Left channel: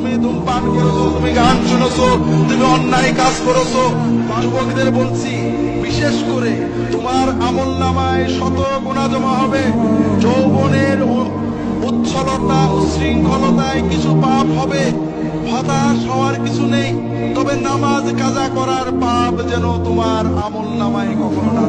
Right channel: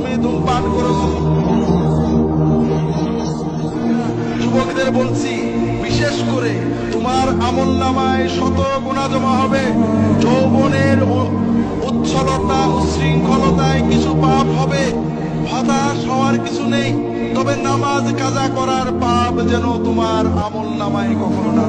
তুমি ধূমপান করেছো, তুমি গান শুনেছো, তুমি অন্যায় কাজ করেছো। যুবকদের বলছি, বিশেষ করে তোমার আমলনামায় শত গুনাহ জমা হবে। যৌবনের উচ্ছলতা উশৃঙ্খলতায় কিছু পাপ হবে, হতাশ হওয়ার কিছু নেই। তবে নামাজ কাজা করার পাপ যেন তোমার আমলনামায় কখনো না।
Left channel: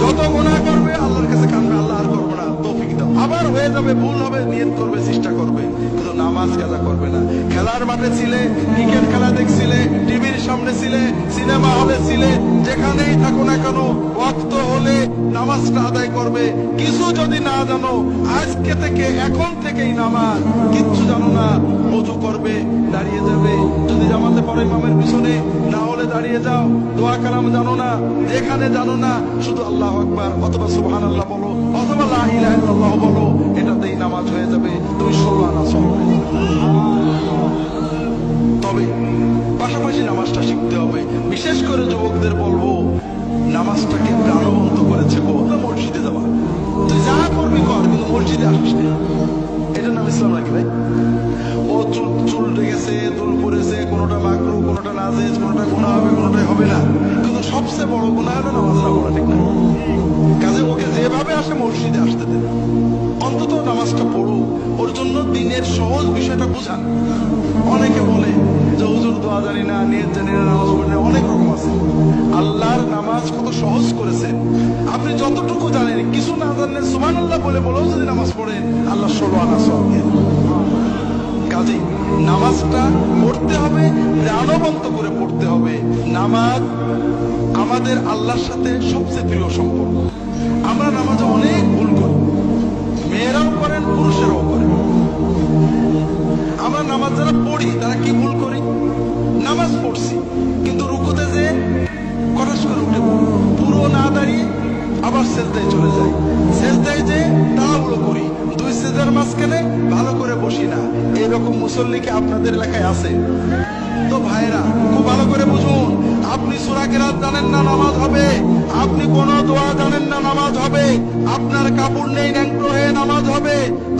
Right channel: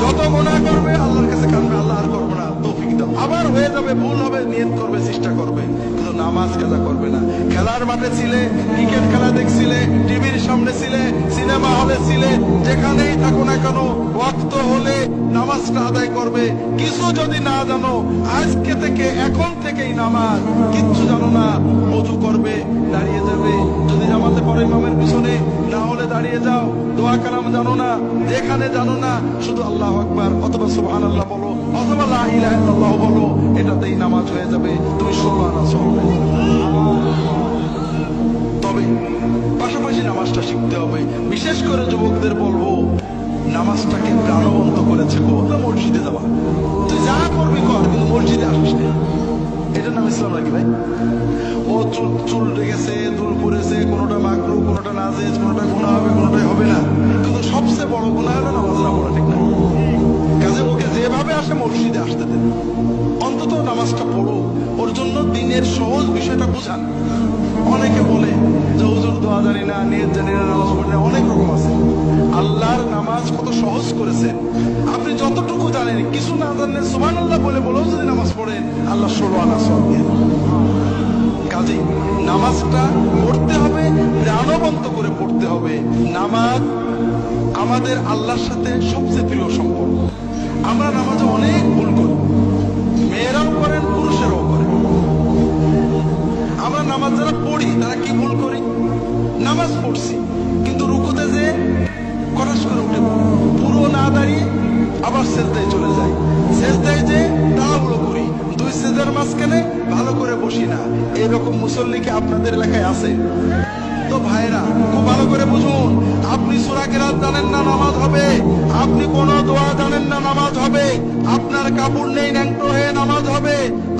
যত গুনাহ করবে আল্লাহর কাছে কাঁদবে, আল্লাহ আর করবো না, তৌফিক দাও। আবার হয়ে যাবে, ভুল হবে, নিয়ত করবে, চেষ্টা করবে, কিন্তু নামাজ কাজা করবে না। খেলার মাঠে ছিলে, ক্রিকেট খেলা দেখছিলে, টিভির সামনে ছিলে, সিনেমা হলে ছিলে, যেখানেই থাকো না কেন ওয়াক্ত হলে নামাজটা আদায় করবে। কিছু যদি না জানো, আজকে থেকে এখন থেকেই নামাজ, কিচ্ছু জানো না, ওযু করবে, দাঁড়িয়ে যাবে, যদি জামাতে পড়ে ইমামের পিছনে, না হলে দাঁড়িয়ে যাও। দোয়া কালাম জানো না, যেখানে জানো না, শুধু আল্লাহু আকবার অথবা সুবহানাল্লাহ বলো অথবা লা ইলাহা ইল্লাল্লাহ বলো, এটাতেই নামাজ হয়ে যাবে। তুমি 16 আনা সওয়াবে। তবে পাশাপাশি নামাজটা শিখতে হবে। বিশেষ করে যুবকদের বলবো, নামাজটাকে প্রাণবন্ত করেছে গো মসজিদে যাওয়া। তুই যা করবি কর, কিন্তু মসজিদে আসিস না। এটার নাম ইসলাম নাকি ভাই? ও চুল রেখেছে, দুল পড়েছে, কোনোটা মাকরু, কোনোটা নাজেজ, কোনোটা গুনাহ হবে, কোনোটাই হবে না। কিন্তু সবচেয়ে বড় গুনাহ হলো নামাজ না পড়া, ঠিক না? কাজে ওকে যেভাবে আসে মসজিদে আসতে দেন, অন্তত নামাজটা পড়ুক। ওর জন্য দিনের সহজ বিষয়টা বুঝান। অনেকে বলে যে হুজুর দোয়া জানি না, নিয়ত জানি না, নামাজ পড়ি না, অনেক রকম আছে। আল্লাহর নামাজ কত সহজ করেছেন। আপনি যতটুকু জানেন, কিছু না জানেন, সুবহানাল্লাহ বলে বলেও যদি নামাজ পড়েন, আল্লাহ 16 আনা সওয়াব দিয়ে দেন। কাজেই নামাজটা পড়তে হবে, প্রাণবন্ত করে পড়তে হবে। নামাজ আমাদের আল্লাহর সাথে সবচেয়ে প্রিয় সম্পর্ক। আমরা নামাজে অনেক ভুল করি, মেয়েরাও করেন, পুরুষেরাও করেন। আমরা নামাজ যারা পড়ি তারা কি ভুল করি? নামাজ পড়ছি, কিন্তু রুকুতে যে কটাস করে উঠে পড়ি, পুরো না দাঁড়িয়ে আবার সেজদায় চলে যাই। সেজদায় যে তাড়াহুড়ো করি, দুই সেজদার মাঝখানে ভালো করে বসি না। এইরকম মুসল্লি কি আপনাদের এলাকায় আছে? তো ভাইরা, খুব ভালো করে বুঝুন, আপনি সূরা কিরাত জানেন না, নামাজ হবে। আপনি কোন দোয়া জানেন না, নামাজ হবে। আপনার কাপড় নেই, ন্যাংটো হয়ে নামাজ হবে।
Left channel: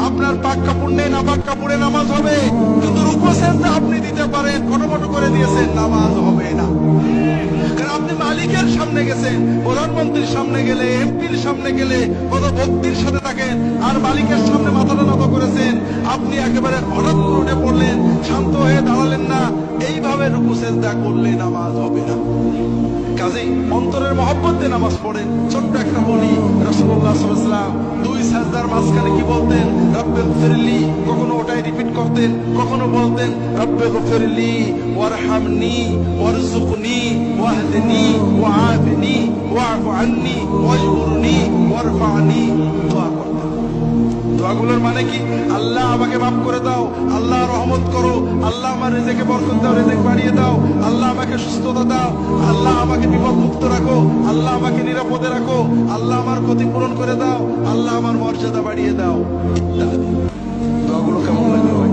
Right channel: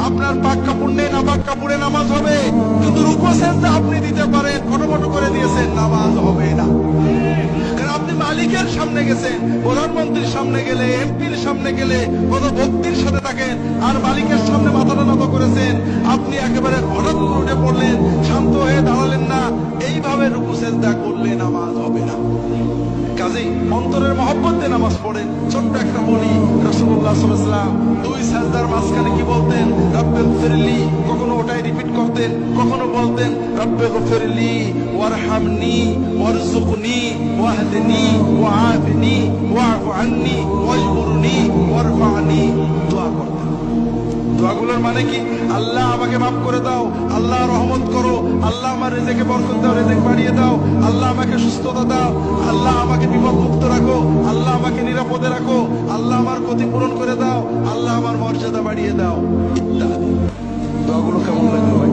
আপনার পাক কাপড় নেই, নাপাক কাপড়ে নামাজ হবে। কিন্তু রুকু সেজদা আপনি দিতে পারেন, খটোমটো করে দিয়েছেন, নামাজ হবে না। কারণ আপনি মালিকের সামনে গেছেন, প্রধানমন্ত্রীর সামনে গেলে, এমপির সামনে গেলে কত ভক্তির সাথে থাকেন, আর মালিকের সামনে মাথাটা নত করেছেন। আপনি একেবারে হঠাৎ করে উঠে পড়লেন, শান্ত হয়ে দাঁড়ালেন না, এইভাবে রুকু সেজদা করলে নামাজ হবে না। কাজেই অন্তরের মহব্বত দিয়ে নামাজ পড়েন। ছোট্ট একটা বলি, রাসূলুল্লাহ সাল্লাল্লাহু আলাইহি ওয়াসাল্লাম দুই সাজদার মাঝখানে কি বলতেন? রব্বিগফিরলি। কখনো ওটাই রিপিট করতেন, কখনো বলতেন রব্বিগফিরলি ওয়ারহামনি ওয়ারযুকনি ওয়াহদিনি ওয়াআফিনি ওয়া'ফু আন্নি ওয়াজবুরনি ওয়ারফা'নি। দোয়া করতেন। দোয়াগুলোর মানে কি? আল্লাহ আমাকে মাফ করে দাও, আল্লাহ রহমত করো, আল্লাহ আমার রিজিকে বরকত দাও, রিজিক বাড়িয়ে দাও, আল্লাহ আমাকে সুস্থতা দাও, আল্লাহ আমাকে বিপদ মুক্ত রাখো, আল্লাহ আমাকে নিরাপদে রাখো, আল্লাহ আমার ক্ষতি পূরণ করে দাও, আল্লাহ আমার মর্যাদা বাড়িয়ে দাও, ইত্যাদি। দোয়াগুলো কেমন লাগলো ভাই?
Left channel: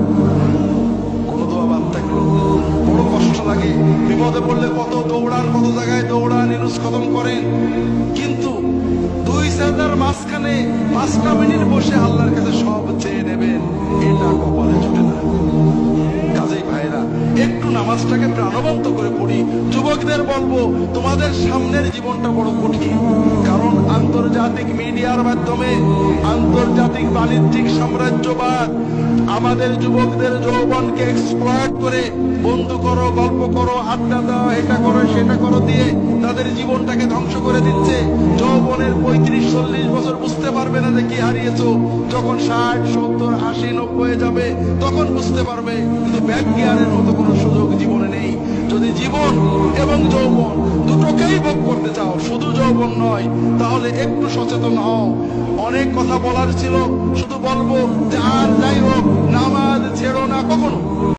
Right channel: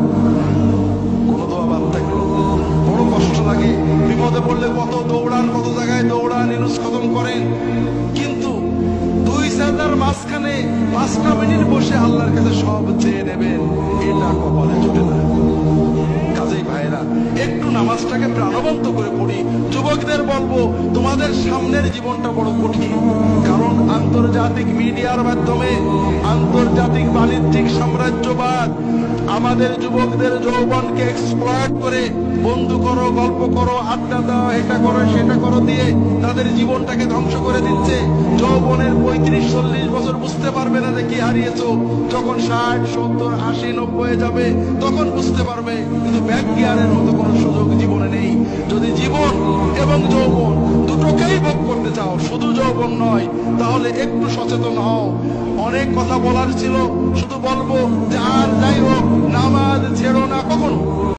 কোন দোয়া বাদ থাকলো? বড় কষ্ট লাগে। বিপদে পড়লে কত দৌড়ান, কত জায়গায় দৌড়ান, ইনুস খতম করেন, কিন্তু দুই সাজদার মাঝখানে 5টা মিনিট বসে আল্লাহর কাছে সব চেয়ে নেবেন, এটা কপালে জোটে না। কাজেই ভাইরা, একটু নামাজটাকে প্রাণবন্ত করে পড়ি। যুবকদের বলবো, তোমাদের সামনের জীবনটা বড় কঠিন, কারণ আন্তর্জাতিক মিডিয়ার মাধ্যমে আন্তর্জাতিক বাণিজ্যিক সাম্রাজ্যবাদ আমাদের যুবকদের যৌবনকে এক্সপ্লয়েট করে বন্ধু করো, গল্প করো, আড্ডা দাও, এটা করো, সেটা করো দিয়ে তাদের জীবনটাকে ধ্বংস করে দিচ্ছে। যৌবনের 35-40 বছর বুঝতে পারবে না যে কি হারিয়েছো। যখন 60, 70, 80, 90 যাবে তখন বুঝতে পারবে। কিন্তু ব্যাক গিয়ারের মতো কোনো সুযোগ জীবনে নেই। যদি জীবন এবং যৌবন দুটোকেই ভোগ করতে চাও, শুধু যৌবন নয়, তাহলে একটু সচেতন হও। অনেক কথা বলার ছিল, শুধু বলবো যে আর যাই হোক, নামাজ ছেড়ো না কখনো।